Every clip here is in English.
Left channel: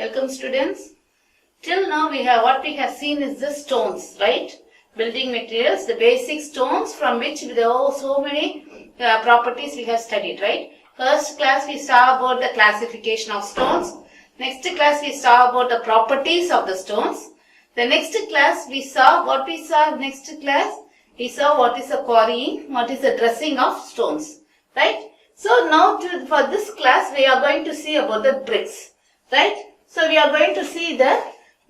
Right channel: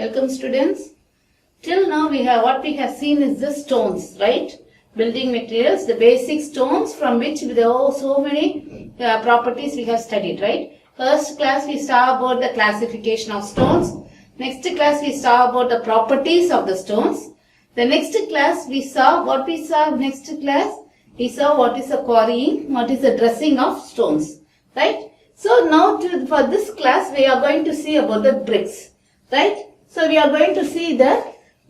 Welcome students. Till now what we have seen is the stones, right? Building materials, the basic stones from which there are so many properties we have studied, right? First class we saw about the classification of stones. Next class we saw about the properties of the stones. The next class we saw what we saw we saw what is the quarrying, what is the dressing of stones, right? So now for this class we are going to see about the bricks, right? So we are going to see the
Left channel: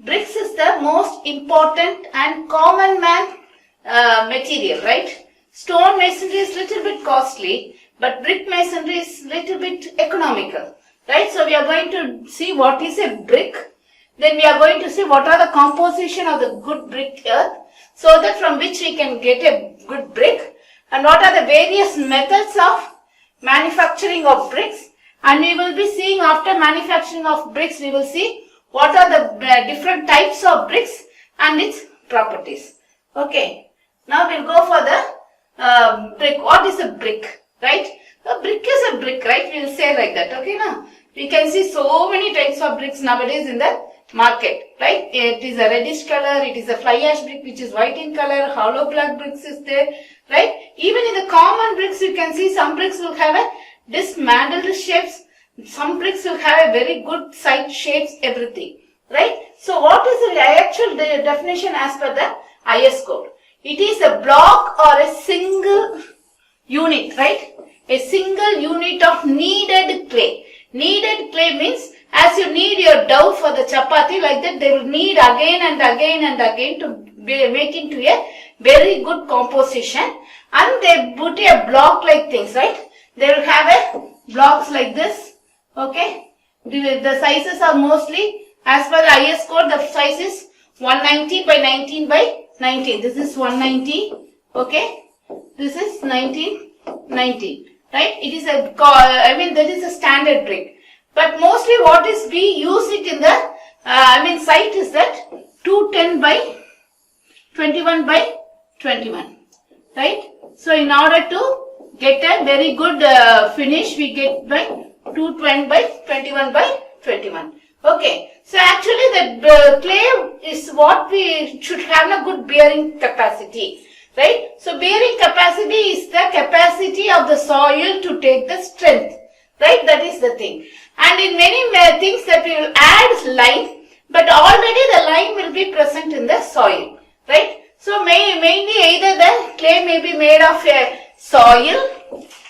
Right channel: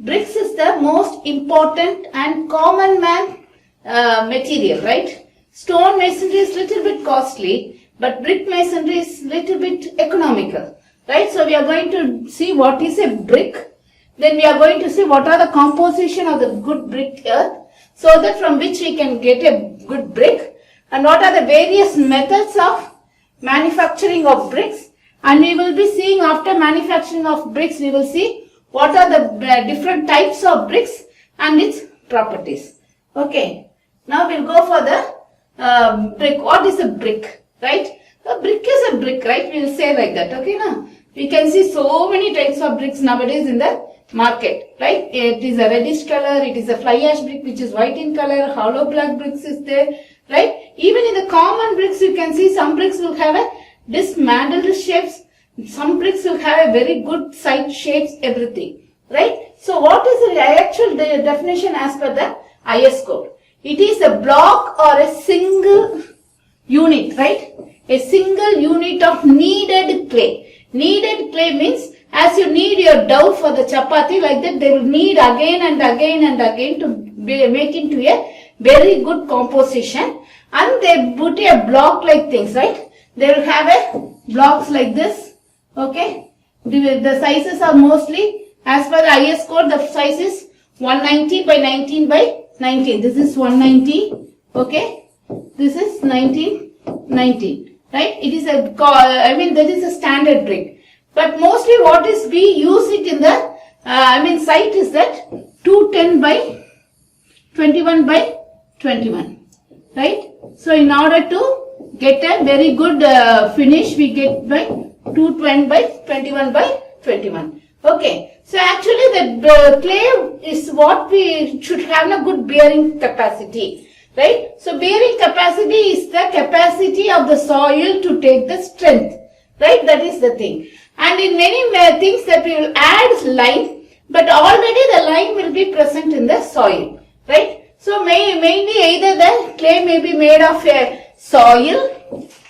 bricks is the most important and common man material, right? Stone masonry is little bit costly, but brick masonry is little bit economical, right? So we are going to see what is a brick. Then we are going to see what are the composition of the good brick earth, so that from which we can get a good brick, and what are the various methods of manufacturing of bricks. And we will be seeing after manufacturing of bricks, we will see what are the different types of bricks and its properties. Okay. Now we'll go for the brick. What is a brick, right? A brick is a brick, right? We will say like that. Okay, now we can see so many types of bricks nowadays in the market, right? It is a reddish color, it is a fly ash brick which is white in color, hollow block bricks is there, right? Even in the common bricks you can see some bricks will have a dismantled shapes, some bricks will have a very good side shapes, everything, right? So what is the actual definition as per the IS code? It is a block or a single unit, right? A single unit of kneaded clay. Kneaded clay means as you knead your dough for the chapati, like that they will knead again and again and again to make into a very good composition, and they put a block like things, right? They will have a blocks like this, okay? The sizes are mostly, as per the IS code, the size is 190 by 19 by 19. This is 190, okay? This is 1990, right? It is that is a standard brick. But mostly what is we use it in the, site is that 210 by 21 by 21, right? So in order to get a very good finish, we get by 220 by 21 by 21. Okay. So actually the clay is what we should have a good bearing capacity, right? So bearing capacity is the capacity of the soil to take the strength, right? That is the thing. And in many things that we will add lime, but already the lime will be present in the soil, right? So mainly either the clay may be made of a soil,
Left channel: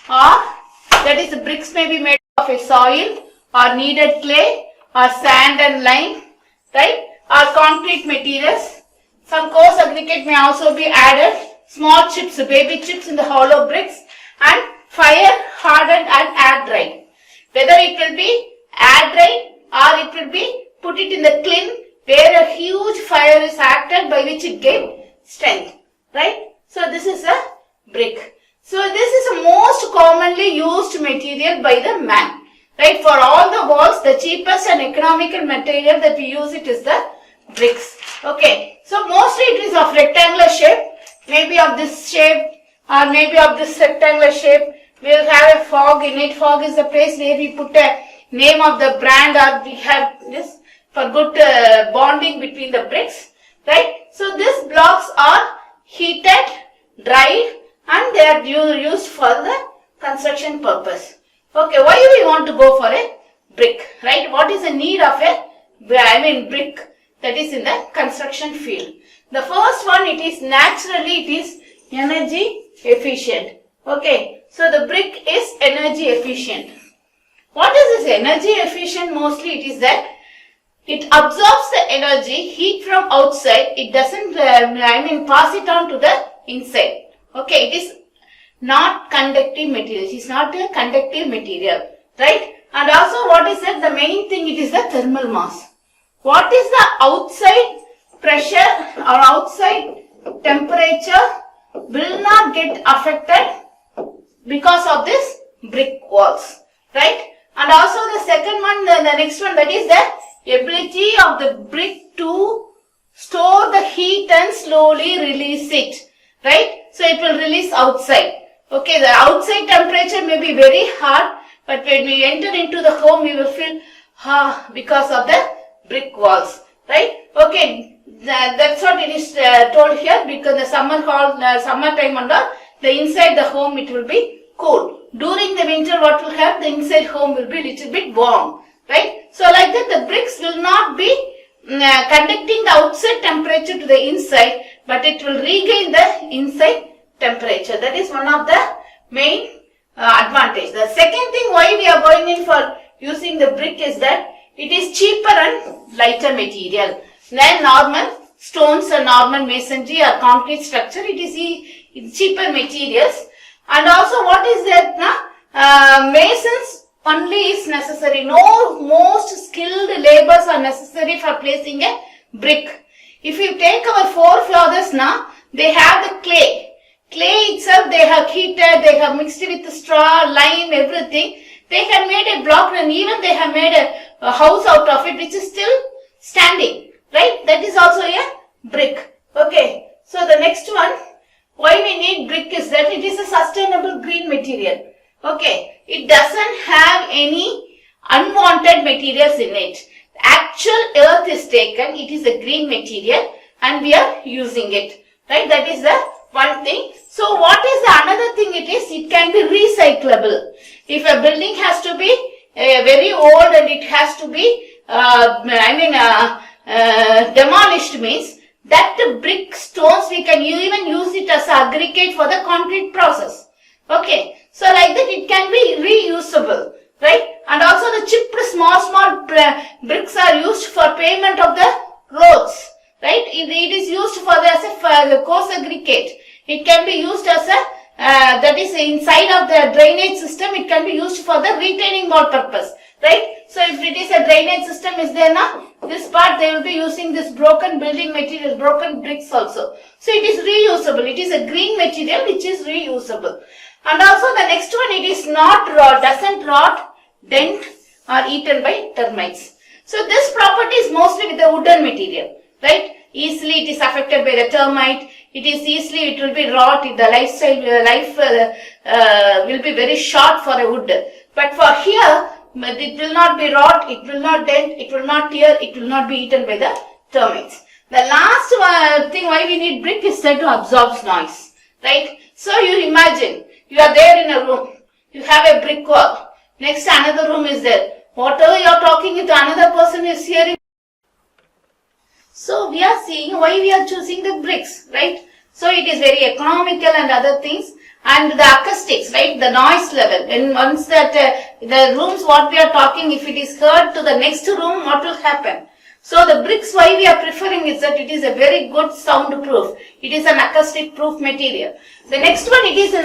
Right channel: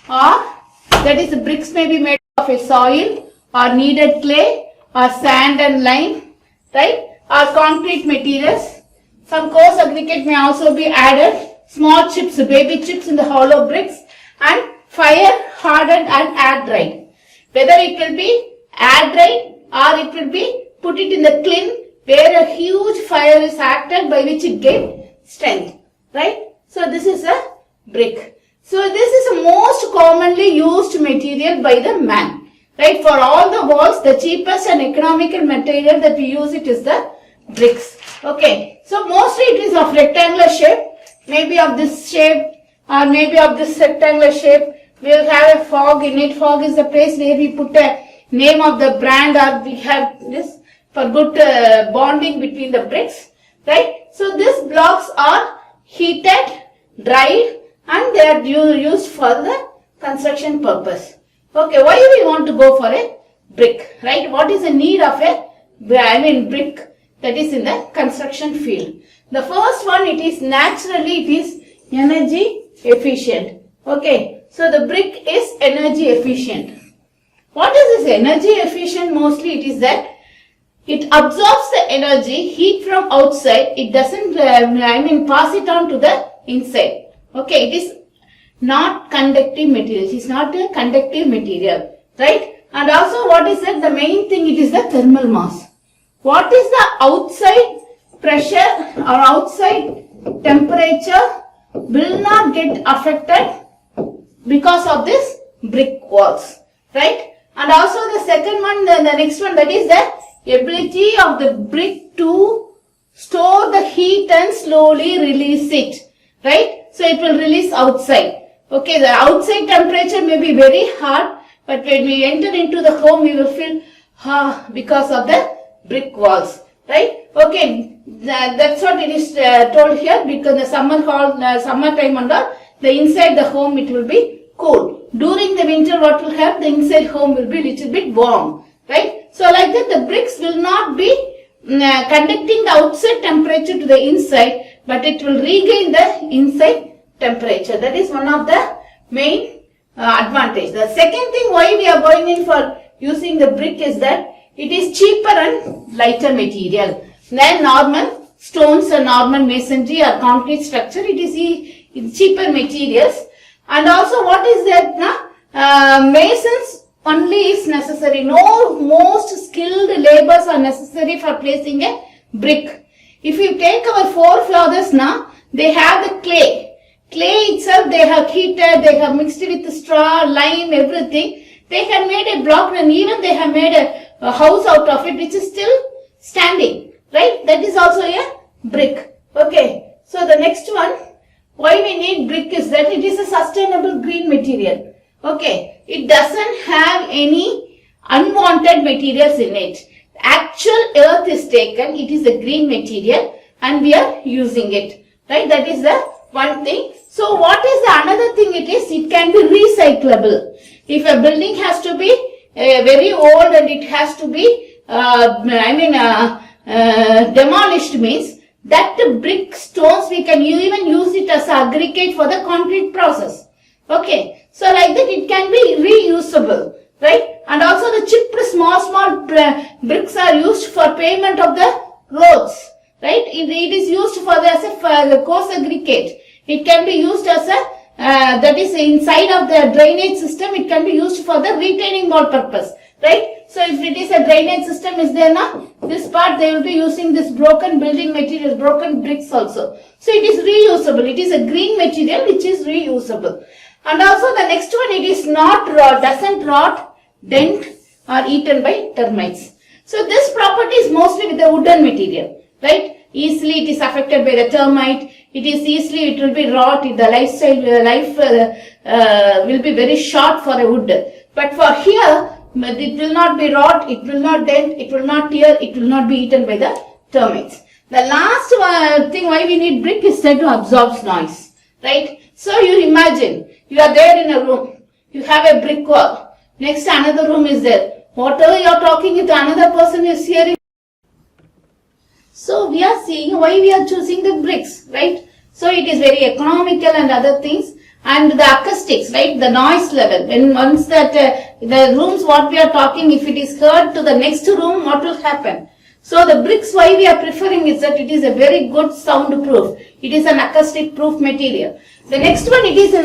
or that is the bricks may be made of a soil or kneaded clay or sand and lime, right? Or concrete materials. Some coarse aggregate may also be added, small chips, baby chips in the hollow bricks, and fire hardened and air dried. Whether it will be air dried or it will be put it in the kiln where a huge fire is acted by which it gets strength, right? So this is a brick. So this is the most commonly used material by the man, right? For all the walls, the cheapest and economical material that we use it is the bricks. Okay. So mostly it is of rectangular shape, maybe of this shape or maybe of this rectangular shape. We will have a fog in it. Fog is the place where we put a name of the brand, or we have this for good bonding between the bricks, right? So these blocks are heated, dried, and they are used for the construction purpose. Okay, why do we want to go for a brick, right? What is the need of a brick that is in the construction field? The first one, it is energy efficient. Okay. So the brick is energy efficient. What is this energy efficient? Mostly it is that it absorbs the energy, heat from outside. It doesn't, pass it on to the inside. Okay, it is not conductive material. It is not a conductive material, right? And also what is that? The main thing, it is the thermal mass. What is the outside pressure or outside temperature will not get affected because of this brick walls, right? And also the second one, the next one, that is the ability of the brick to store the heat and slowly release it, right? So it will release outside. Okay, the outside temperature may be very hot, but when we enter into the home, we will feel because of the brick walls, right? Okay, that's what it is told here, because the summer time and all, the inside the home it will be cool. During the winter, what will happen? The inside home will be little bit warm, right? So like that, the bricks will not be conducting the outside temperature to the inside, but it will regain the inside temperature. That is one of the main advantage. The second thing why we are going in for using the brick is that it is cheaper and lighter material than normal stones or normal masonry or concrete structure. It is cheaper materials. And also what is that now? Masons only is necessary. No most skilled laborers are necessary for placing a brick. If you take our forefathers now, they have the clay. Clay itself they have heated, they have mixed with the straw, lime, everything. They have made a block and even they have made a house out of it which is still standing. Right? That is also a brick. Okay. So the next one, why we need brick is that it is a sustainable green material. Okay. It doesn't have any unwanted materials in it. The actual earth is taken, it is a green material and we are using it. Right? That is the one thing. So what is the another thing it is? It can be recyclable. If a building has to be very old and it has to be, demolished means that brick stones we can even use it as aggregate for the concrete process. Okay. So like that it can be reusable. Right? And also the chipped small bricks are used for pavement of the roads. Right? It is used for as a coarse aggregate. It can be used as a, that is inside of the drainage system, it can be used for the retaining wall purpose. Right? So if it is a drainage system is there now, this part they will be using this broken building materials, broken bricks also. So it is reusable. It is a green material which is reusable. And also the next one, it is not doesn't rot, dent or eaten by termites. So this property is mostly with the wooden material. Right? Easily it is affected by the termite. It is easily, it will be rot. The life will be very short for a wood. But for here, it will not be rot, it will not dent, it will not tear, it will not be eaten by the termites. The last thing why we need brick is that to absorb noise. Right? So you imagine, you are there in a room, you have a brick wall, next another room is there. Whatever you are talking with another person is hearing. So we are seeing why we are choosing the bricks, right? So it is very economical and other things. And the acoustics, right? The noise level. When once that the rooms what we are talking, if it is heard to the next room, what will happen? So the bricks why we are preferring is that it is a very good soundproof. It is an acoustic proof material. The next one, it is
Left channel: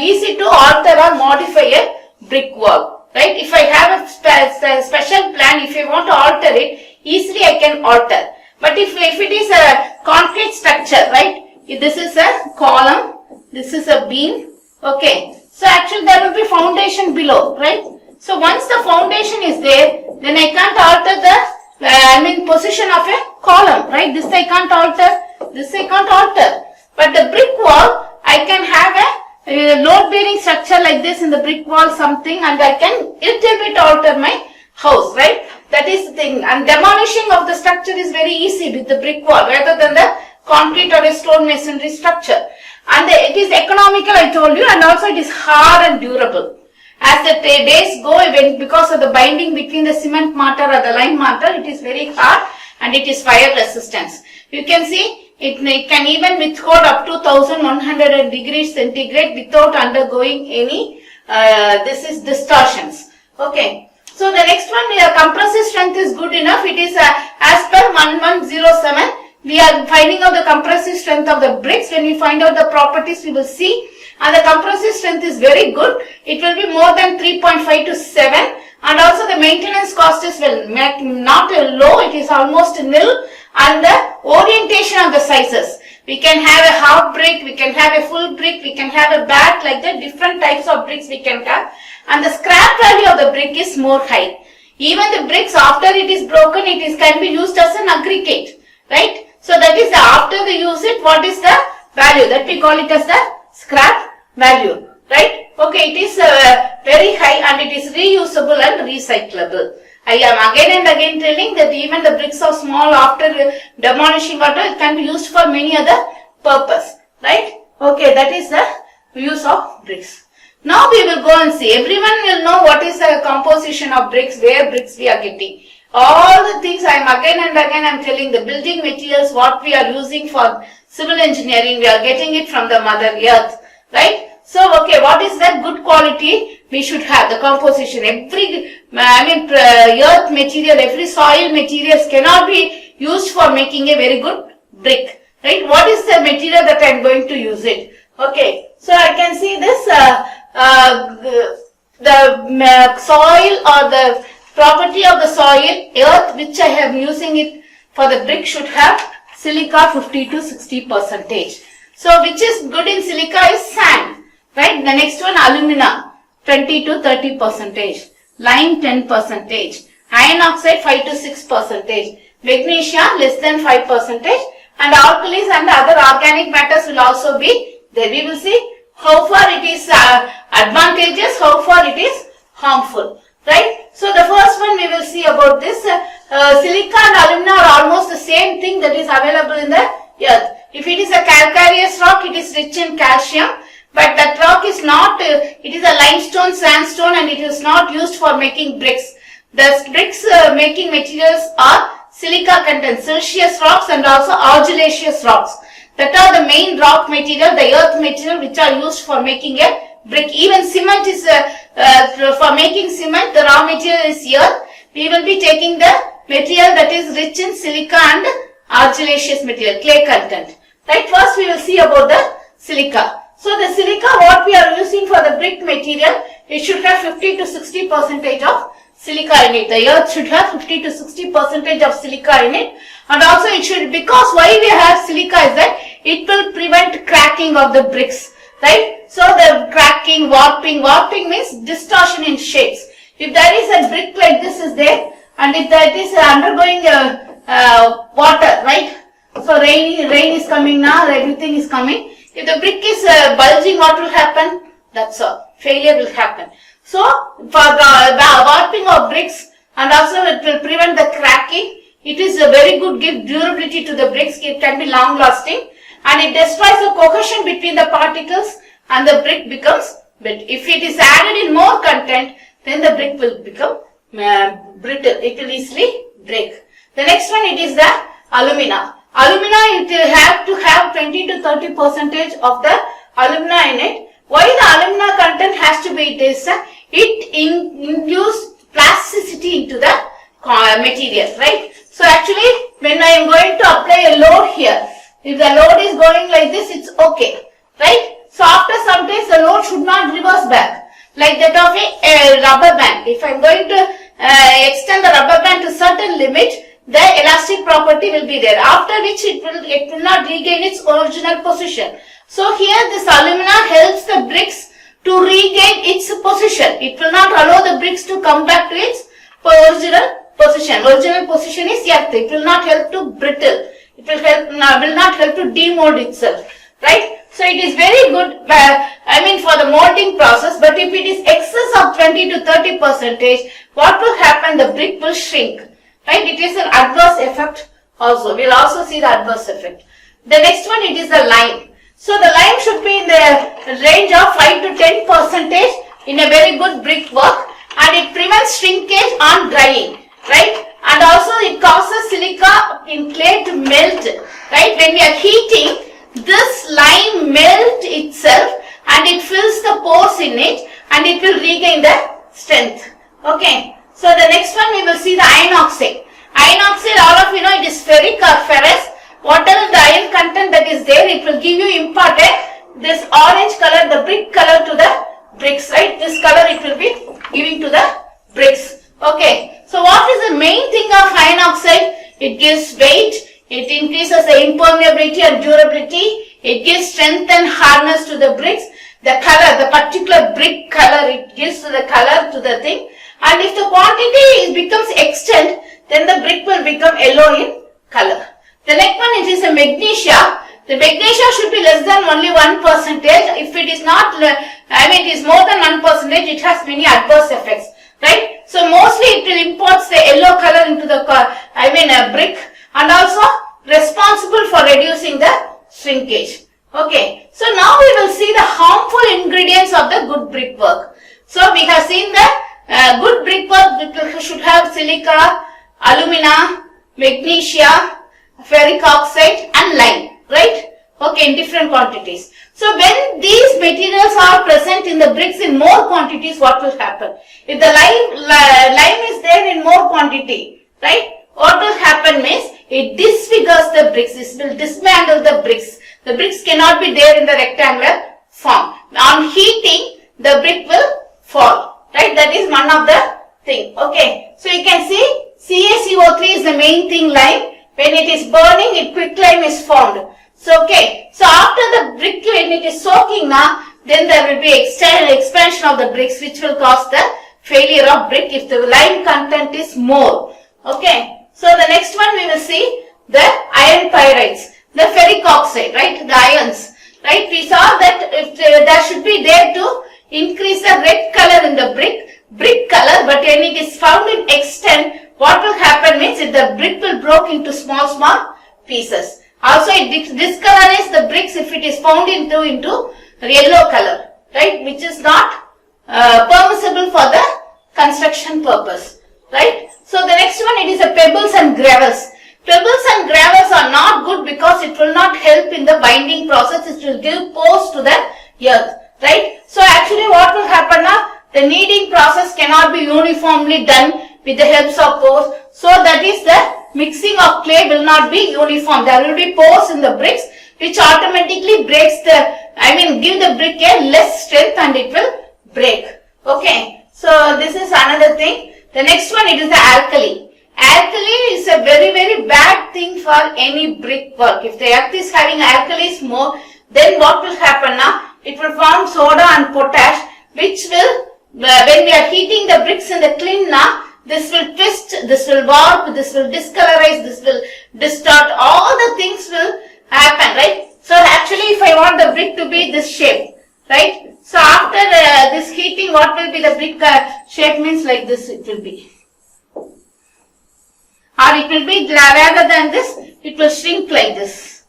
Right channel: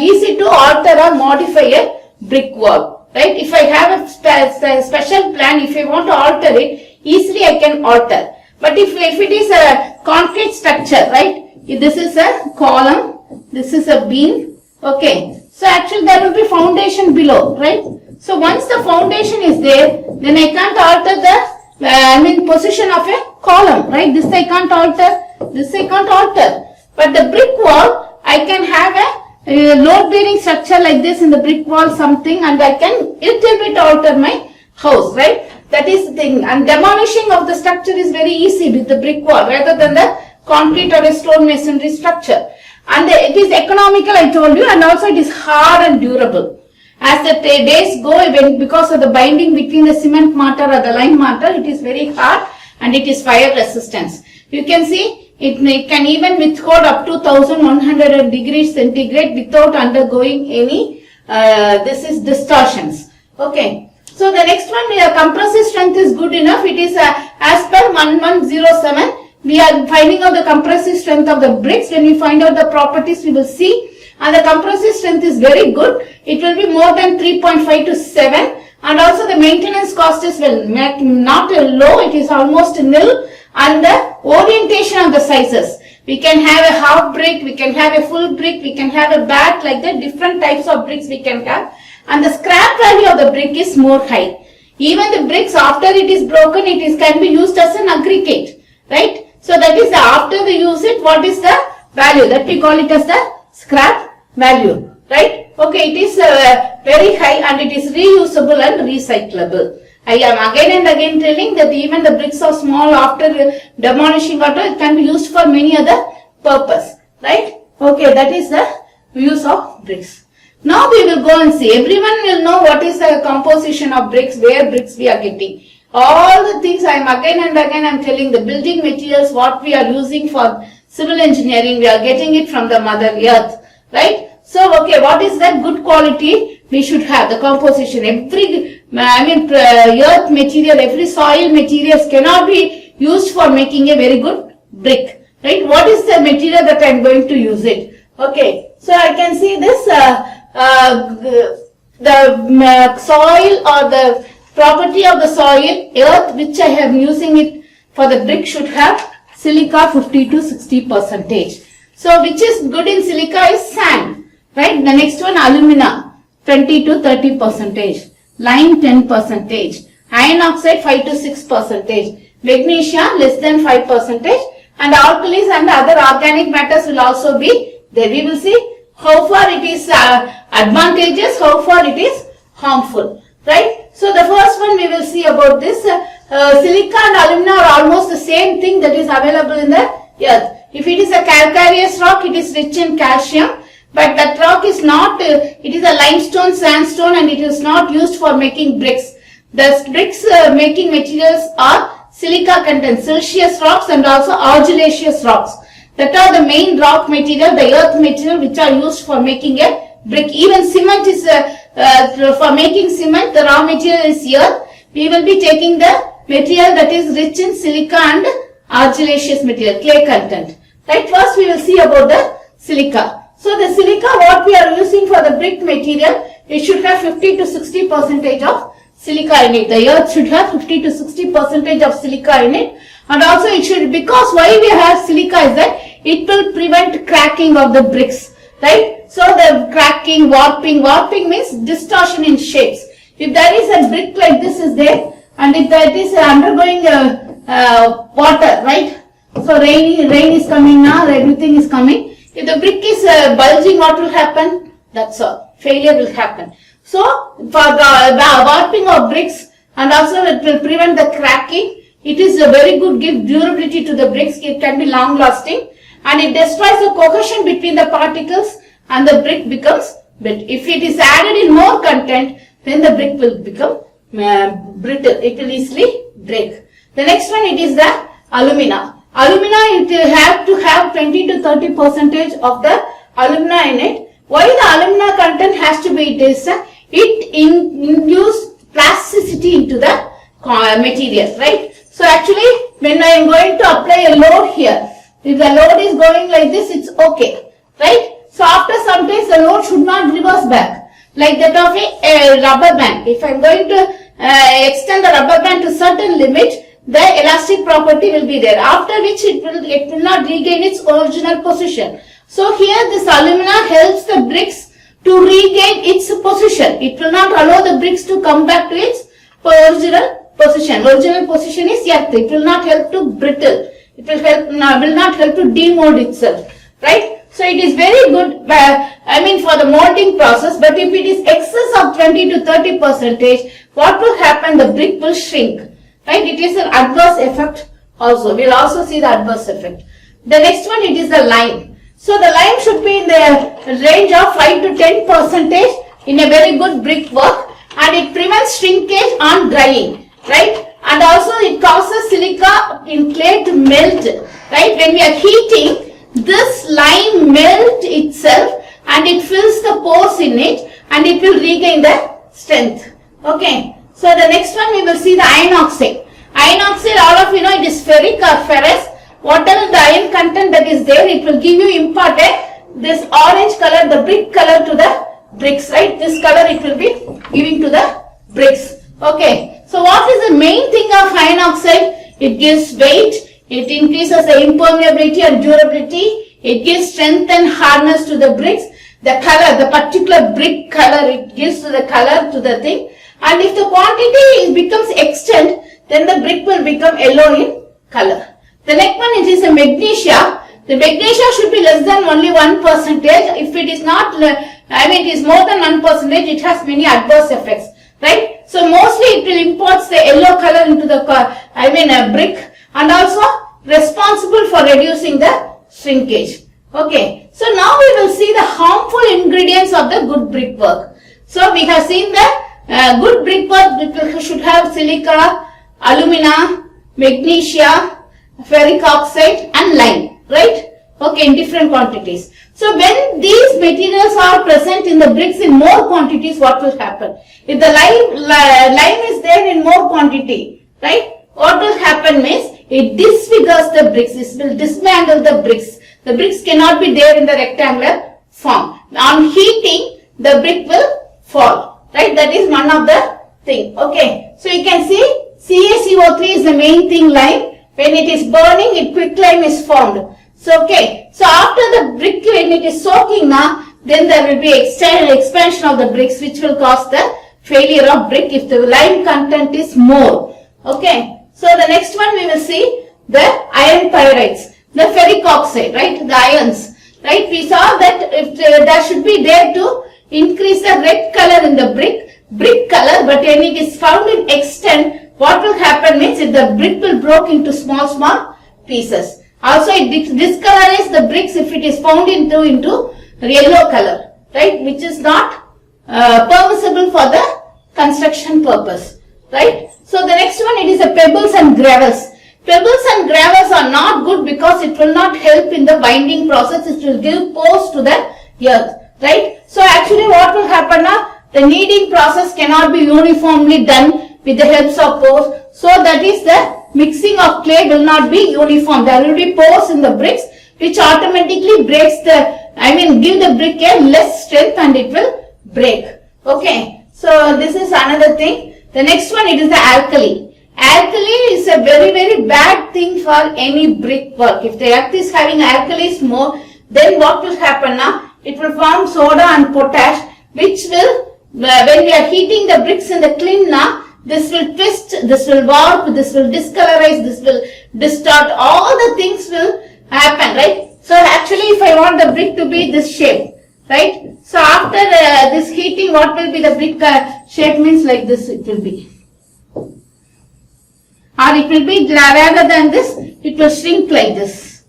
easy to alter or modify a brick wall, right? If I have a special plan, if I want to alter it, easily I can alter. But if it is a concrete structure, right? This is a column, this is a beam, okay. So actually there will be foundation below, right? So once the foundation is there, then I can't alter the, position of a column, right? This I can't alter, this I can't alter. But the brick wall, I can have a load bearing structure like this in the brick wall something, and I can little bit alter my house, right? That is the thing. And demolishing of the structure is very easy with the brick wall rather than the concrete or a stone masonry structure. And it is economical, I told you, and also it is hard and durable. As the days go, because of the binding between the cement mortar or the lime mortar, it is very hard and it is fire resistance. You can see it can even withhold up to 1100 degrees centigrade without undergoing any distortions. Okay. So the next one, compressive strength is good enough. It is as per 1107. We are finding out the compressive strength of the bricks. When we find out the properties, we will see. And the compressive strength is very good. It will be more than 3.5 to 7. And also the maintenance cost is not low. It is almost nil. And the orientation of the sizes. We can have a half brick. We can have a full brick. We can have a bat, like that. Different types of bricks we can have. And the scrap value of the brick is more high. Even the bricks, after it is broken, can be used as an aggregate. Right? So that is after the use it, what is the value? That we call it as the scrap value. Right? Okay, it is very high and it is reusable and recyclable. I am again and again telling that even the bricks are small, after demolishing water, it can be used for many other purpose, right? Okay, that is the use of bricks. Now we will go and see. Everyone will know what is the composition of bricks, where bricks we are getting. All the things I am again and again I am telling, the building materials what we are using for civil engineering, we are getting it from the mother earth, right? So, okay, what is that good quality we should have? The composition. Every, earth material, every soil materials cannot be used for making a very good brick, right? What is the material that I am going to use it? Okay, so I can see this, the soil or the property of the soil, earth which I am using it for the brick should have silica 50 to 60%. So, which is good in silica is sand, right? The next one, alumina 20 to 30%, lime 10%, iron oxide 5 to 6%, magnesia less than 5%, and alkalis and other organic matters will also be there. We will see how far it is advantageous, how far it is harmful, right? So, the first one we will see about this, silica and alumina are almost the same thing that is available in the earth. If it is a calcareous rock, it is rich in calcium, but that rock is not, it is a limestone, sandstone, and it is not used for making bricks. The bricks making materials are silica content, silicious rocks and also argillaceous rocks. That are the main rock material, the earth material which are used for making a brick. Even cement is, for making cement, the raw material is earth. We will be taking the material that is rich in silica and argillaceous material, clay content. Right, first we will see about the silica. So the silica what we are using for the brick material, it should have 50 to 60% of silica in it. The earth should have 50 to 60% of silica in it. And also it should, because why we have silica is that it will prevent cracking of the bricks, right? So the cracking, warping means distortion in shapes. If there is a brick like this is there, and if that is undergoing water, right? So rain is coming now, everything is coming. If the brick is bulging, what will happen? That's all. Failure will happen. So for the warping of bricks, and also it will prevent the cracking. It is a very good, give durability to the bricks. It can be long lasting, and it destroys the cohesion between the particles, and the brick becomes brittle. If it is added in more content, then the brick will become brittle. It will easily break. The next one, it is the alumina. Alumina, it will have to have 20 to 30% of the alumina in it. Why the alumina content has to be this? It induces plasticity into the material, right? So actually, when I am going to apply a load here, if the load is going like this, it's okay, right? So after some time, the load should not reverse back, like that of a rubber band. If I am going to extend the rubber band to certain limit, the elastic property will be there, after which it will not regain its original position. So here this alumina helps the bricks to regain its position. It will not allow the bricks to come back to its original position. Original position is earth. It will not help to brittle. It will not help to demold itself, right? So it is very good, for the molding process. But if it is excess of 20 to 30%, what will happen? The brick will shrink, right? It is an adverse effect also. We will also see the adverse effect. The next one, it is the lime. So the lime should be in the range of 5 to 10% in a very good brick work, and it prevents shrinkage on drying, right? And also it causes silica in clay to melt, right? When we are heating, this lime melt itself and it fills the pores in it, and it will regain the strength. Okay. So the next one we will see the iron oxide. Iron oxide, all of you know, it is ferric or ferrous. Whatever the iron content that is there, it will give you imparted this orange color, the brick color to the bricks, right? This color it will be giving to the bricks. Okay. So what is the main thing of iron oxide? It gives weight, it increases the impermeability and durability, it gives strength and hardness to the bricks. The color, the particular brick color, it gives the color to the thing. And if the quantity becomes extent, then the brick will become yellow in color. The next one, it is a magnesia. The magnesia should be less than only 1%. If it is not, it is more than 1%, it has many adverse effects, right? So mostly it will impart the yellow color into the brick, and also responsible for reducing the shrinkage. Okay, so now we will see the harmful ingredients of the good brickwork. So we have seen the good brickwork should have silica, alumina, magnesia, ferric oxide and lime, right? Okay, in different quantities. So when these materials are present in the bricks in more quantities, what will happen? If the lime is there in more quantity, right? What will happen means it disfigures the bricks. This will dismantle the bricks. The bricks cannot be there in the rectangular form. On heating, the brick will fall, right? That is one of the thing. Okay. So you can see CaCO3 is the main thing, lime. When it is burning, quicklime is formed. So, okay. So after the brick, when it is soaking now, then there will be expansion of the bricks, which will cause the failure of brick if the lime content is more. Okay. So the next one we will see the iron pyrites, the ferric oxide, right? The ions, right? We saw that if there should be there to increase the red color in the brick color, but when it is found in extent, what will happen means if the brick will break into small pieces. Also, it discolorize the bricks if it is found into yellow color, right? Which is not permissible for the construction purpose, right? So the next one, it is the pebbles and gravels. Pebbles and gravels are not good because it will not help in the binding process. It will give pores to the earth, right? So actually, what will happen now? The kneading process cannot be uniformly done with the help of pores. So that is the mixing of clay will not be uniform. There will be pores in the bricks which automatically breaks give the brick a less strength and it will break. Okay. So this is another thing. The next one, it is the alkali. Alkali is a very bad thing for any brickwork. If the earth is having alkalis more, then what will happen now? It will form soda and potash, which will, when we are heating the bricks in the kiln now, this will twist, this will warp, this will discolorize, this will distort, all the things will happen, right? So actually, if I want the brick to be this shape, right? So after this heating, what will be the brick shape means like this it will be. Or it will be, rather than this, it will shrink like this.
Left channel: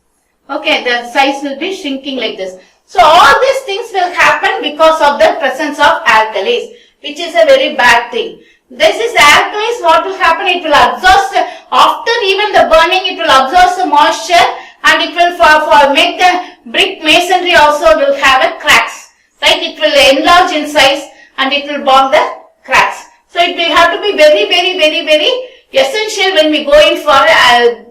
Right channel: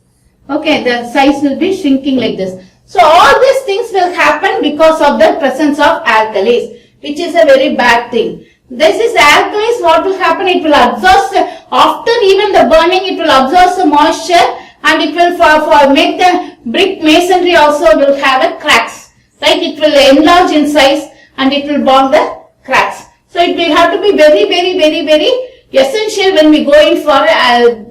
Okay, the size will be shrinking like this. So all these things will happen because of the presence of alkalis, which is a very bad thing. This is alkalis, what will happen? It will absorb, after even the burning, it will absorb the moisture and it will for make the brick masonry also will have a cracks. Right? It will enlarge in size and it will bond the cracks. So it will have to be very essential when we go in for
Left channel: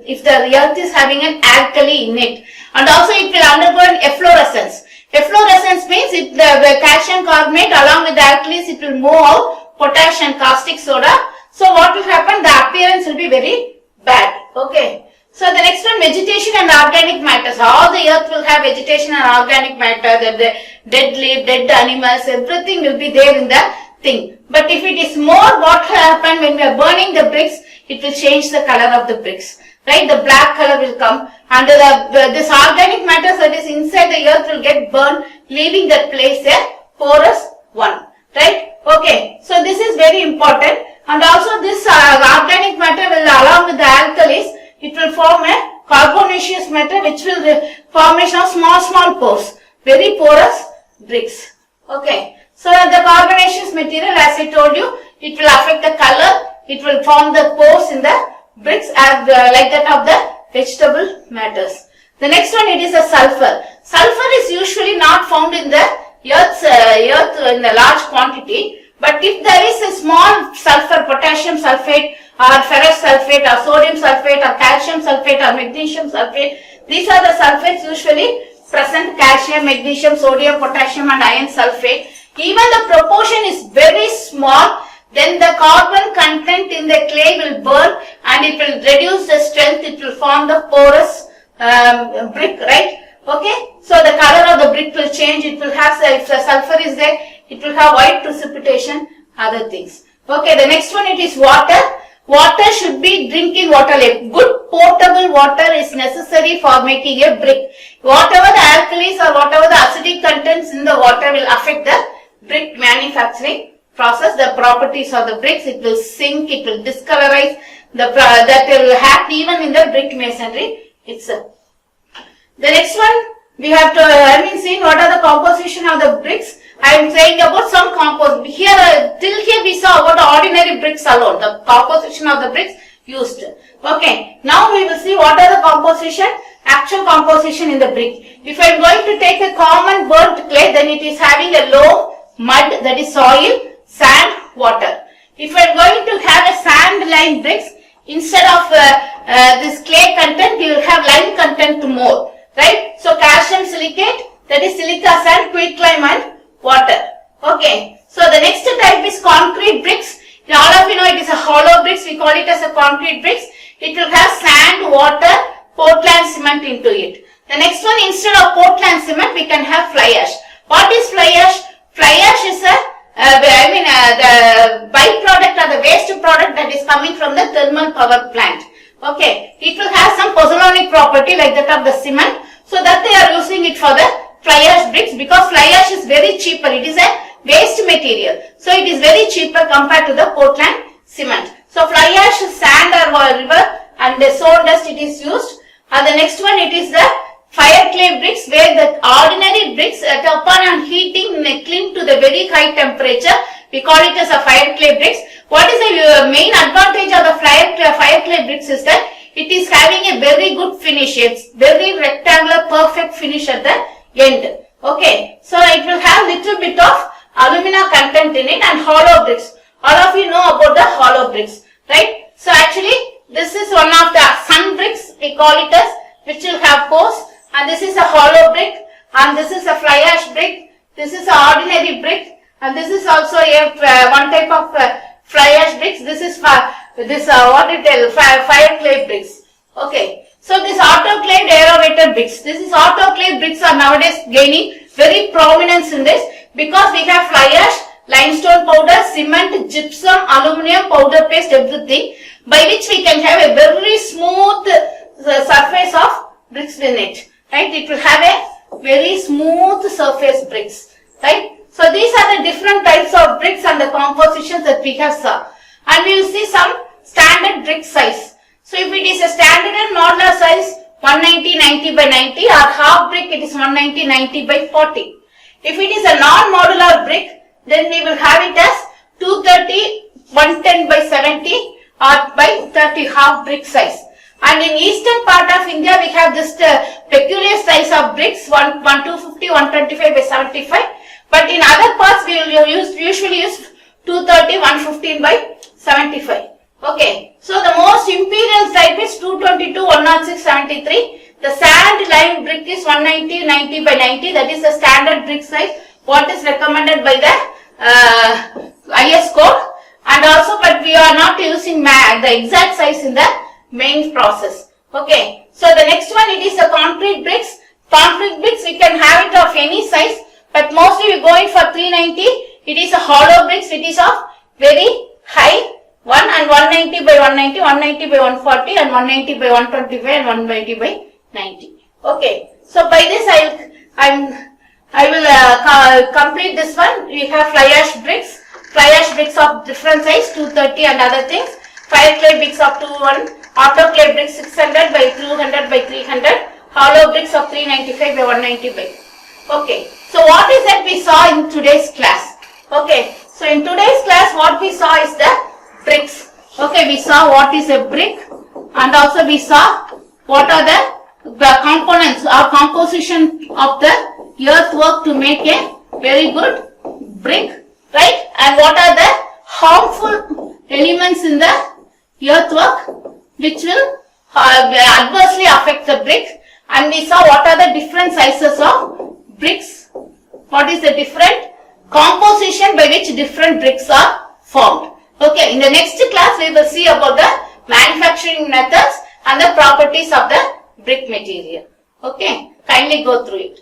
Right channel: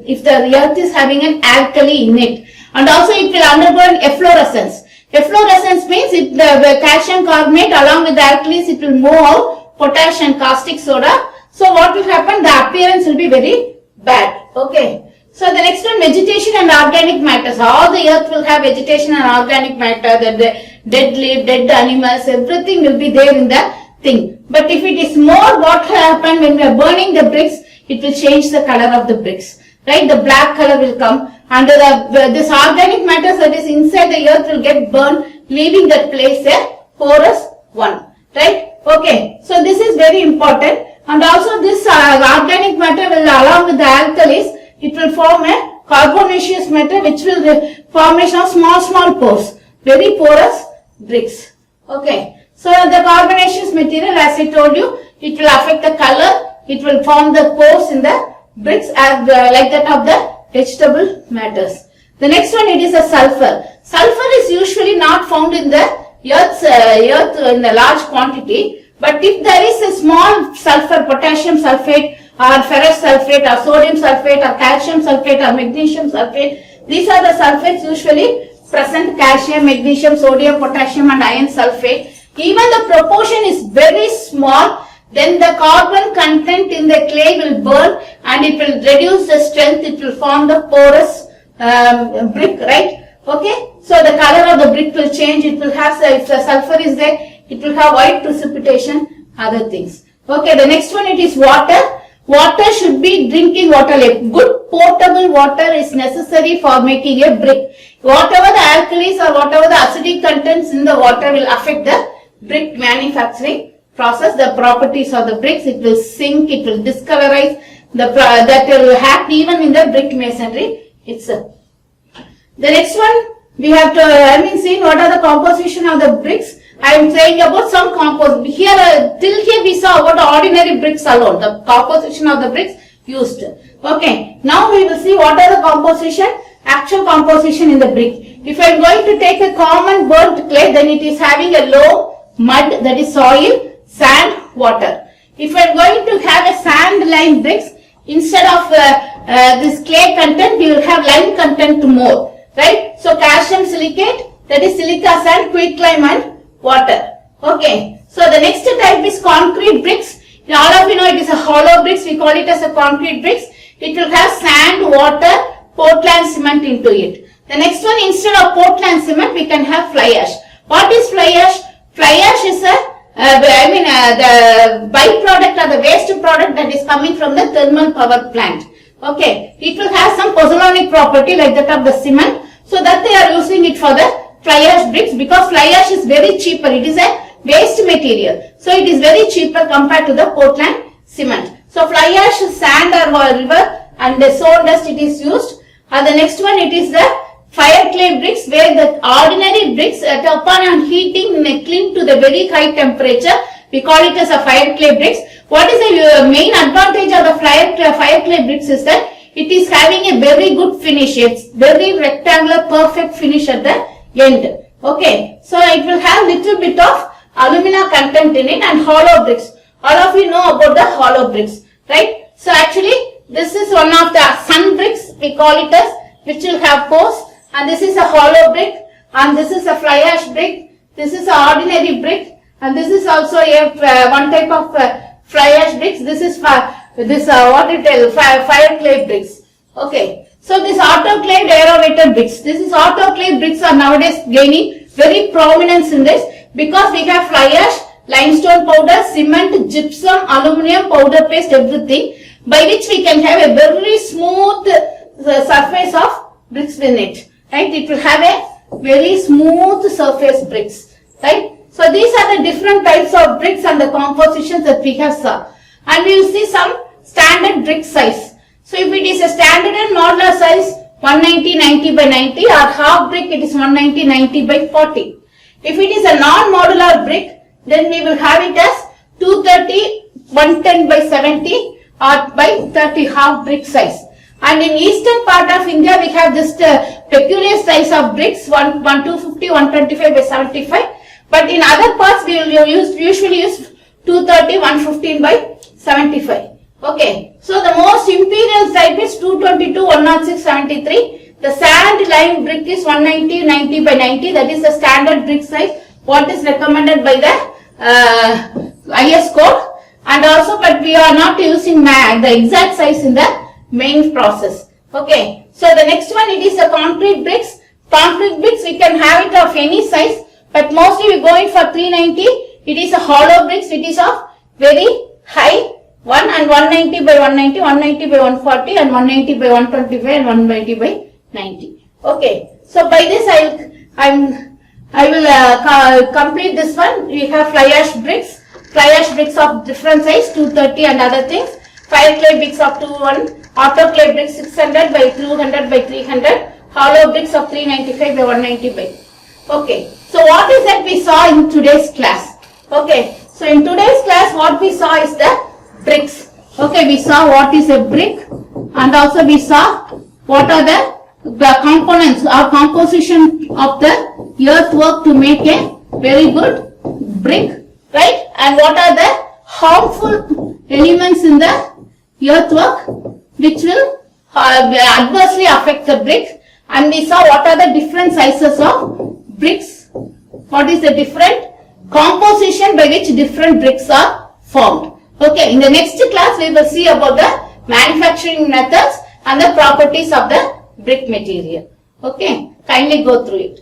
if the earth is having an alkali in it. And also it will undergo an efflorescence. Efflorescence means the calcium carbonate along with the alkalis, it will move out potash and caustic soda. So what will happen? The appearance will be very bad. Okay. So the next one, vegetation and organic matters. All the earth will have vegetation and organic matter, the dead leaf, dead animals, everything will be there in the thing. But if it is more, what will happen when we are burning the bricks? It will change the color of the bricks. Right? The black color will come and this organic matter that is inside the earth will get burned, leaving that place a porous one. Right? Okay. So this is very important. And also this organic matter will, along with the alkalis, it will form a carbonaceous matter which will formation of small pores, very porous bricks. Okay. So the carbonaceous material, as I told you, it will affect the color, it will form the pores in the bricks as like that of the vegetable matters. The next one, it is a sulfur. Sulfur is usually not found in the earth in a large quantity, but if there is a small sulfur, potassium sulfate or ferrous sulfate or sodium sulfate or calcium sulfate or magnesium sulfate, these are the sulfates usually present: calcium, magnesium, sodium, potassium and iron sulfate. Even the proportion is very small, then the carbon content in the clay will burn and it will reduce the strength, it will form the porous brick, right? Okay, so the color of the brick will change, it will have, if the sulfur is there, it will have white precipitation, other things. Okay, the next one, it is water. Water should be drinking water. Like good potable water is necessary for making a brick. Whatever the alkalis or whatever the acidic contents in the water will affect the brick manufacturing process, the properties of the bricks. It will sink, it will discolorize, that will happen even in the brick masonry itself. The next one, we have to, see what are the composition of the bricks. I am saying about some here, till here we saw about the ordinary bricks alone, the composition of the bricks used. Okay, now we will see what are the composition, actual composition in the brick. If I am going to take a common burnt clay, then it is having a low mud, that is soil, sand, water. If I am going to have a sand lime bricks, instead of this clay content, we will have lime content more. Right? So calcium silicate, that is silica sand, quicklime and water. Okay. So the next type is concrete bricks. All of you know it is a hollow bricks. We call it as a concrete bricks. It will have sand, water, Portland cement into it. The next one, instead of Portland cement, we can have fly ash. What is fly ash? Fly ash is the byproduct or the waste product that is coming from the thermal power plant. Okay. It will have some pozzolanic property like that of the cement. So that they are using it for the fly ash bricks, because fly ash is very cheaper. It is a waste material. So it is very cheaper compared to the Portland cement. So fly ash, sand or river and the stone dust it is used. And the next one, it is the fire clay bricks, where the ordinary bricks upon heating cling to the very high temperature. We call it as a fire clay bricks. What is the main advantage of the fire clay bricks is that it is having a very good finish. It's very rectangular, perfect finish at the end. Okay. So it will have little bit of alumina content in it, and hollow bricks. All of you know about the hollow bricks, right? So actually, this is one of the sun bricks, we call it as, which will have pores, and this is a hollow brick, and this is a fly ash brick, this is an ordinary brick, and this is also a one type of fly ash bricks. This is fire clay bricks. Okay. So this autoclaved aerated bricks. This is autoclaved bricks are nowadays gaining very prominence in this, because we have fly ash, limestone powder, cement, gypsum, aluminium, powder paste, everything, by which we can have a very smooth surface of bricks in it. Right? It will have a very smooth surface bricks. Right? So these are the different types of bricks and the compositions that we have saw. And we will see some standard brick size. So if it is a standard and modular size, 190 by 90, or half brick, it is 190 by 40. If it is a non-modular brick, then we will have it as 230, 110 by 70 or by 30, half brick size. And in eastern part of India, we have this peculiar size of bricks, 250, 125 by 75. But in other parts, we will usually use 230, 115 by 75. Okay. So the most imperial type is 222, 106, 73. The sand lime brick is 190, 90 by 90. That is the standard brick size. What is recommended by the IS code. And also, but we are not using the exact size in the main process. Okay. So the next one, it is the concrete bricks. Concrete bricks, we can have it of any size, but mostly we go in for 390. It is a hollow bricks. It is of very high. 1 and 190 by 190, 190 by 140 and 190 by 125 and 190 by 90. Okay. So by this I will complete this one. We have fly ash bricks. Fly ash bricks of different size, 230 and other things. Fire clay bricks of 210. Autoclave bricks 600 by 200 by 300. Hollow bricks of 395 by 190 by. Okay. So what is that we saw in today's class? Okay. So in today's class, what we saw is the bricks. Okay, we saw what is a brick, and also we saw what are the components or composition of the earthwork to make a very good brick, right? And what are the harmful elements in the earthwork which will adversely affect the brick. And we saw what are the different sizes of bricks, what is the different composition by which different bricks are formed. Okay, in the next class we will see about the manufacturing methods and the properties of the brick material. Okay, kindly go through it.